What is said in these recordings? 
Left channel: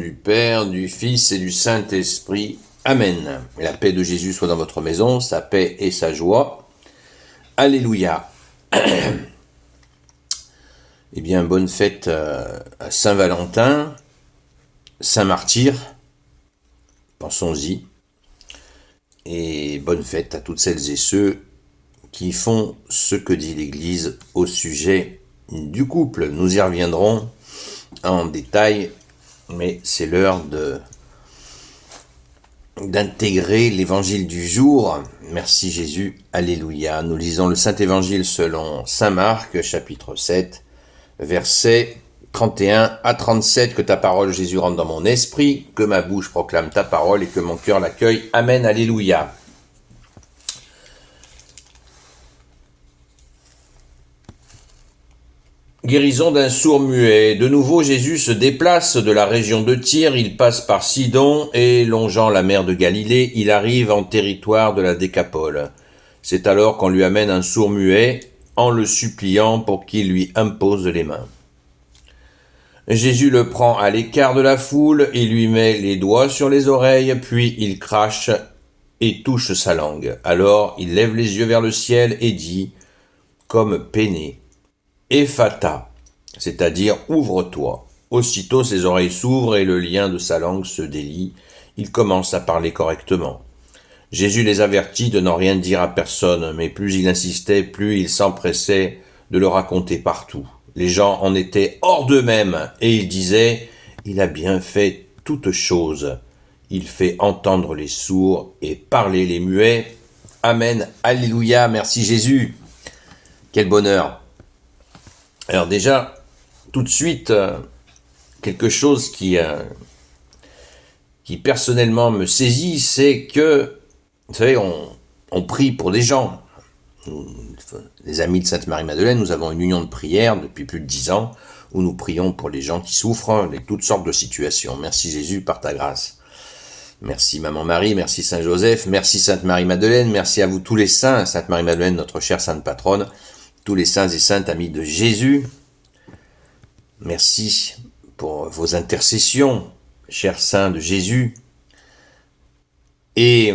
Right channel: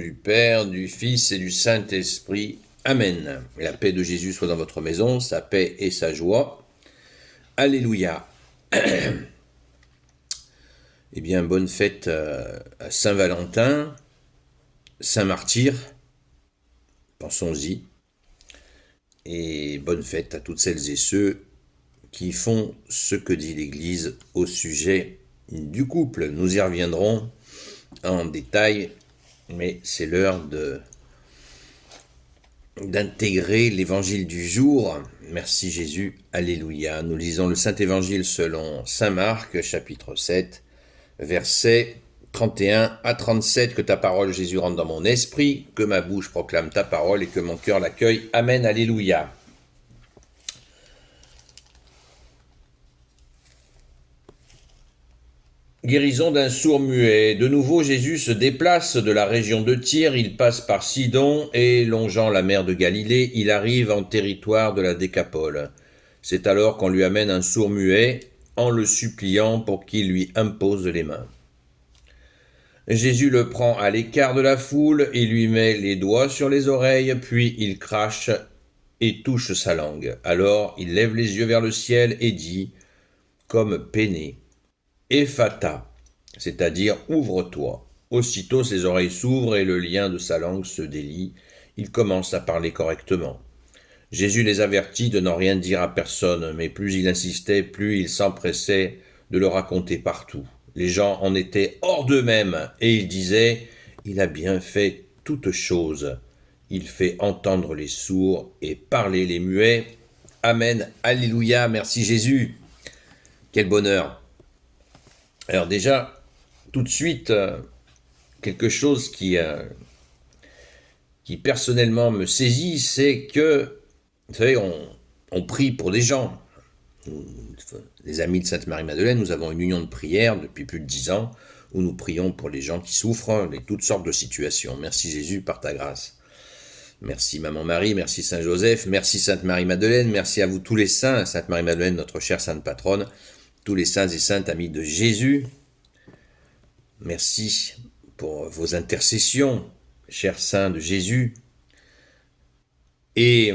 du Père, du Fils et du Saint-Esprit. Amen. La paix de Jésus soit dans votre maison, sa paix et sa joie. Alléluia. Eh bien, bonne fête à Saint-Valentin, Saint-Martyr, pensons-y. Et bonne fête à toutes celles et ceux qui font ce que dit l'Église au sujet du couple. Nous y reviendrons en détail, mais c'est l'heure d'intégrer l'évangile du jour. Merci Jésus, alléluia. Nous lisons le Saint-Évangile selon Saint Marc, chapitre 7, versets 31 à 37. Que ta parole, Jésus, rentre dans mon esprit, que ma bouche proclame ta parole et que mon cœur l'accueille. Amen, alléluia. Guérison d'un sourd-muet. De nouveau, Jésus se déplace de la région de Tyr, il passe par Sidon et, longeant la mer de Galilée, il arrive en territoire de la Décapole. C'est alors qu'on lui amène un sourd-muet en le suppliant pour qu'il lui impose les mains. Jésus le prend à l'écart de la foule, il lui met les doigts sur les oreilles, puis il crache et touche sa langue. Alors il lève les yeux vers le ciel et dit, comme peiné, Ephata, c'est-à-dire ouvre-toi. Aussitôt ses oreilles s'ouvrent et le lien de sa langue se délie. Il commence à parler correctement. Jésus les avertit de n'en rien dire à personne, mais plus il insistait, plus il s'empressait de le raconter partout. Les gens en étaient hors d'eux-mêmes et ils disaient « Il a bien fait toutes choses. Il fait entendre les sourds et parler les muets. Amen, alléluia, merci Jésus. » Quel bonheur. Alors déjà, tout de suite, quelque chose qui personnellement me saisit, c'est que, vous savez, on prie pour des gens. Les amis de Sainte Marie-Madeleine, nous avons une union de prière depuis plus de 10 ans, où nous prions pour les gens qui souffrent de toutes sortes de situations. Merci Jésus par ta grâce. Merci Maman Marie, merci Saint Joseph, merci Sainte Marie-Madeleine, merci à vous tous les saints, Sainte Marie-Madeleine, notre chère sainte patronne, tous les saints et saintes amis de Jésus. Merci pour vos intercessions, chers saints de Jésus. Et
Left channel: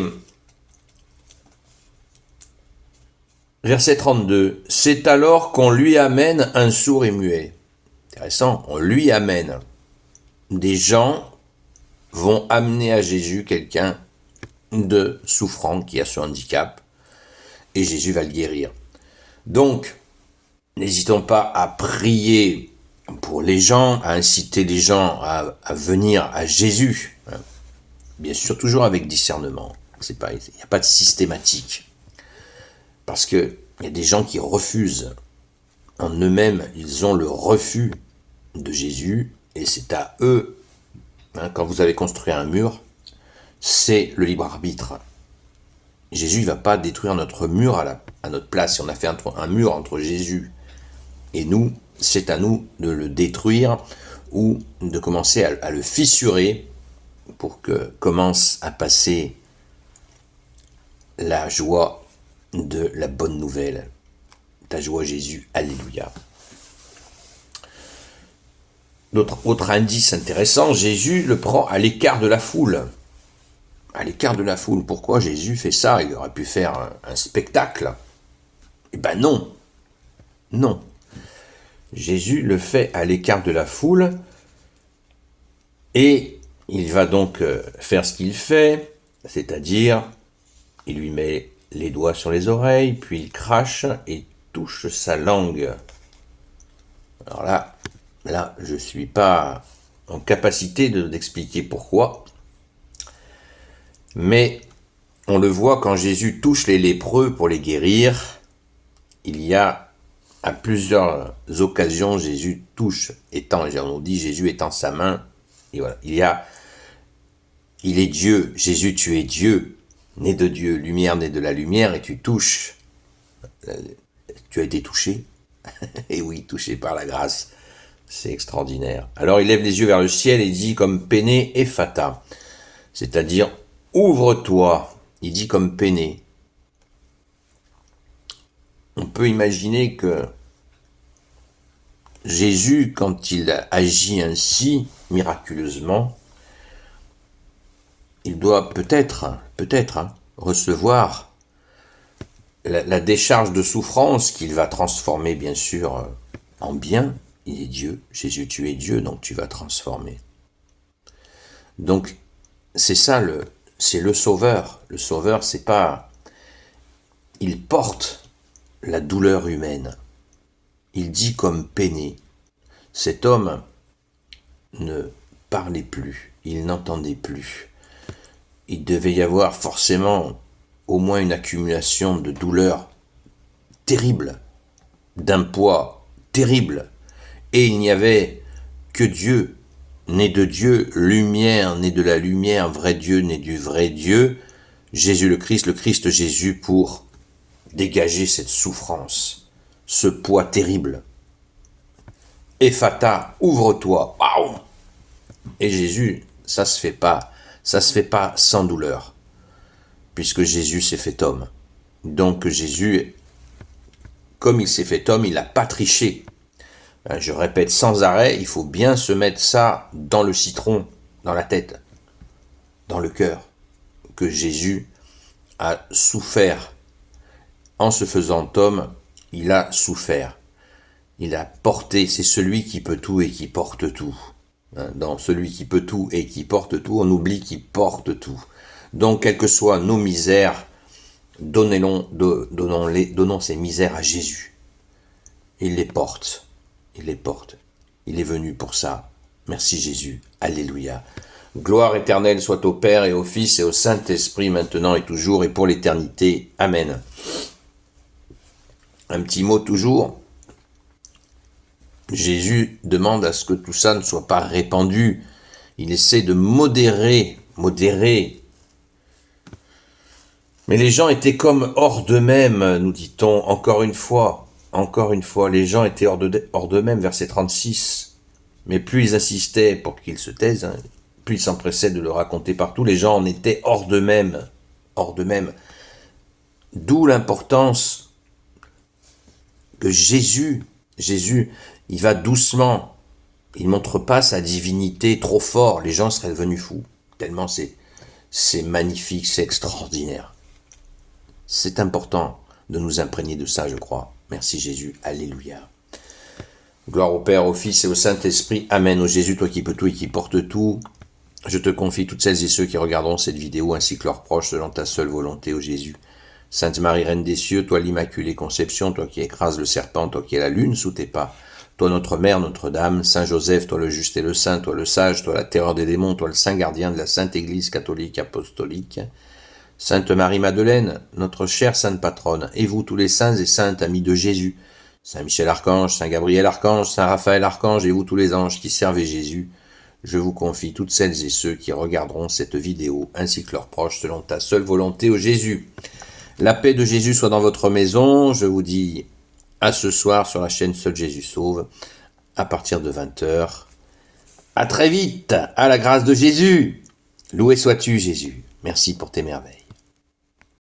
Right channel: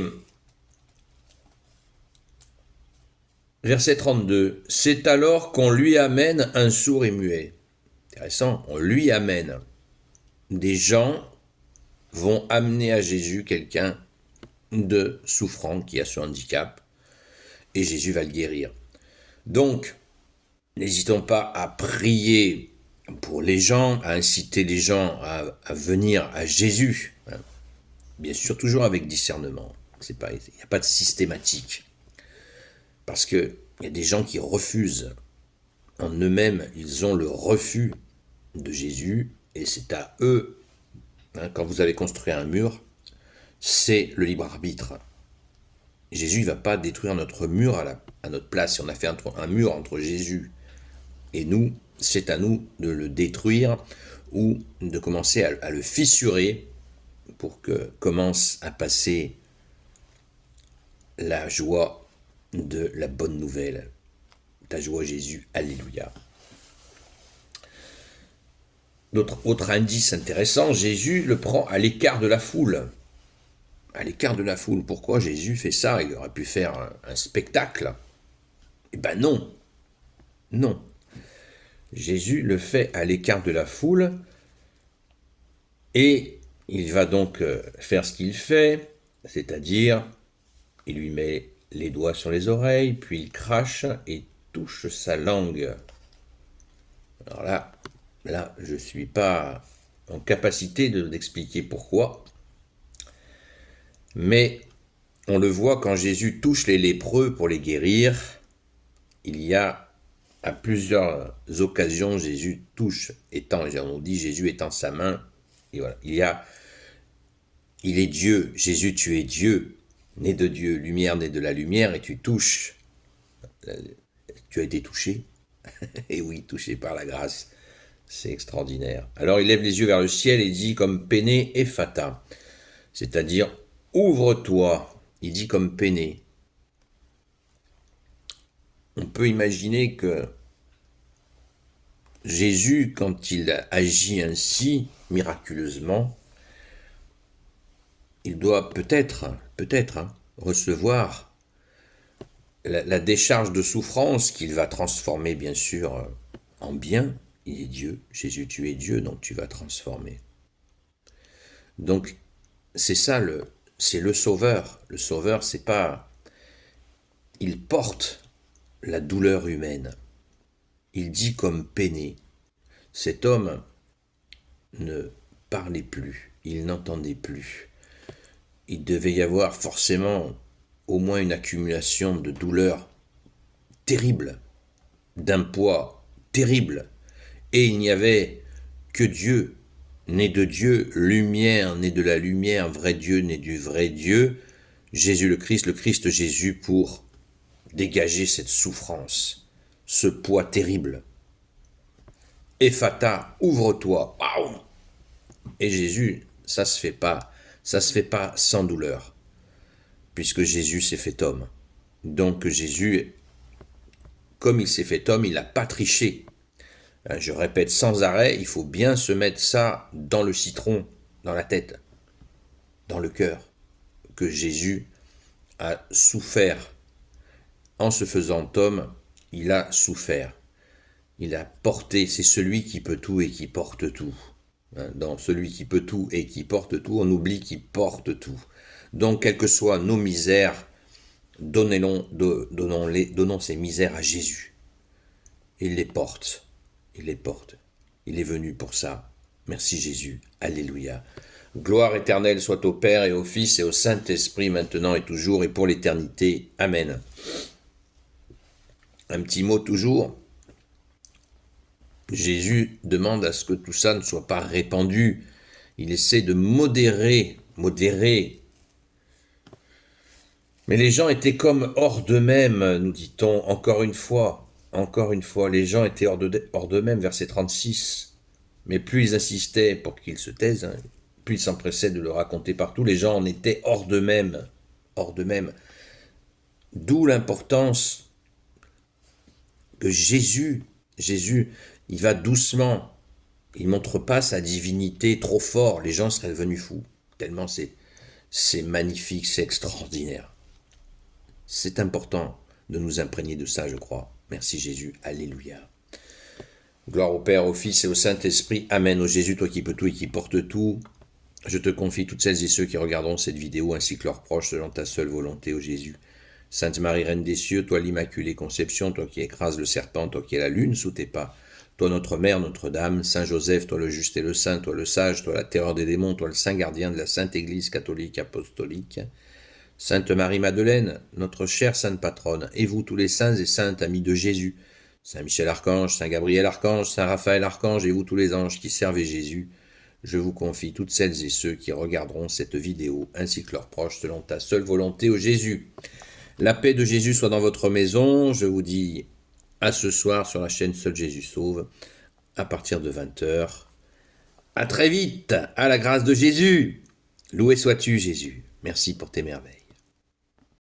verset 32, c'est alors qu'on lui amène un sourd et muet. Intéressant, on lui amène. Des gens vont amener à Jésus quelqu'un de souffrant qui a ce handicap et Jésus va le guérir. Donc, n'hésitons pas à prier pour les gens, à inciter les gens à venir à Jésus. Bien sûr, toujours avec discernement. Il n'y a pas de systématique. Parce qu'il y a des gens qui refusent. En eux-mêmes, ils ont le refus de Jésus et c'est à eux, quand vous avez construit un mur, c'est le libre arbitre. Jésus ne va pas détruire notre mur à notre place. Si on a fait un mur entre Jésus et nous, c'est à nous de le détruire ou de commencer à le fissurer pour que commence à passer la joie de la bonne nouvelle. Ta joie Jésus, alléluia. Autre indice intéressant, Jésus le prend à l'écart de la foule. À l'écart de la foule. Pourquoi Jésus fait ça? Il aurait pu faire un spectacle. Eh ben non. Non. Jésus le fait à l'écart de la foule et il va donc faire ce qu'il fait, c'est-à-dire il lui met les doigts sur les oreilles, puis il crache et touche sa langue. Alors là, je ne suis pas en capacité d'expliquer pourquoi, mais on le voit quand Jésus touche les lépreux pour les guérir, il y a à plusieurs occasions, Jésus touche, on dit Jésus étend sa main, et voilà, il est Dieu, Jésus tu es Dieu, né de Dieu, lumière née de la lumière, et tu touches, tu as été touché, et oui, touché par la grâce, c'est extraordinaire. Alors il lève les yeux vers le ciel et dit comme peiné Ephata, c'est-à-dire ouvre-toi, il dit comme peiné. On peut imaginer que Jésus, quand il agit ainsi, miraculeusement, il doit peut-être, recevoir la décharge de souffrance qu'il va transformer, bien sûr, en bien. Il est Dieu. Jésus, tu es Dieu, donc tu vas transformer. Donc, c'est ça, c'est le Sauveur. Le Sauveur, c'est pas... Il porte la douleur humaine. Il dit comme peiné. Cet homme ne parlait plus, il n'entendait plus. Il devait y avoir forcément au moins une accumulation de douleurs terribles, d'un poids terrible. Et il n'y avait que Dieu, né de Dieu, lumière, né de la lumière, vrai Dieu, né du vrai Dieu, Jésus le Christ Jésus, pour dégager cette souffrance, ce poids terrible. Ephata, ouvre-toi. Waouh! Et Jésus, ça se fait pas sans douleur, puisque Jésus s'est fait homme. Donc Jésus, comme il s'est fait homme, il n'a pas triché. Je répète sans arrêt, il faut bien se mettre ça dans le citron, dans la tête, dans le cœur, que Jésus a souffert. En se faisant homme, il a souffert. Il a porté, c'est celui qui peut tout et qui porte tout. Dans celui qui peut tout et qui porte tout, on oublie qu'il porte tout. Donc, quelles que soient nos misères, donnons ces misères à Jésus. Il les porte. Il les porte. Il est venu pour ça. Merci Jésus. Alléluia. Gloire éternelle soit au Père et au Fils et au Saint-Esprit, maintenant et toujours et pour l'éternité. Amen. Un petit mot toujours. Jésus demande à ce que tout ça ne soit pas répandu. Il essaie de modérer. Mais les gens étaient comme hors d'eux-mêmes, nous dit-on, encore une fois, les gens étaient hors d'eux-mêmes, verset 36. Mais plus ils insistaient pour qu'ils se taisent, plus ils s'empressaient de le raconter partout, les gens en étaient hors d'eux-mêmes. D'où l'importance que Jésus, il va doucement, il ne montre pas sa divinité trop fort, les gens seraient devenus fous, tellement c'est magnifique, c'est extraordinaire. C'est important de nous imprégner de ça, je crois. Merci Jésus, alléluia. Gloire au Père, au Fils et au Saint-Esprit, amen. Ô Jésus, toi qui peux tout et qui portes tout, je te confie toutes celles et ceux qui regarderont cette vidéo ainsi que leurs proches selon ta seule volonté, ô Jésus. Sainte Marie, Reine des cieux, toi l'Immaculée Conception, toi qui écrases le serpent, toi qui es la lune sous tes pas, toi notre Mère, Notre-Dame, Saint Joseph, toi le juste et le saint, toi le sage, toi la terreur des démons, toi le saint gardien de la Sainte Église catholique apostolique, Sainte Marie-Madeleine, notre chère Sainte Patronne, et vous tous les saints et saintes amis de Jésus, Saint Michel Archange, Saint Gabriel Archange, Saint Raphaël Archange, et vous tous les anges qui servez Jésus, je vous confie toutes celles et ceux qui regarderont cette vidéo, ainsi que leurs proches, selon ta seule volonté, ô Jésus. La paix de Jésus soit dans votre maison. Je vous dis à ce soir sur la chaîne Seul Jésus Sauve, à partir de 20h. À très vite, à la grâce de Jésus. Loué sois-tu, Jésus. Merci pour tes merveilles.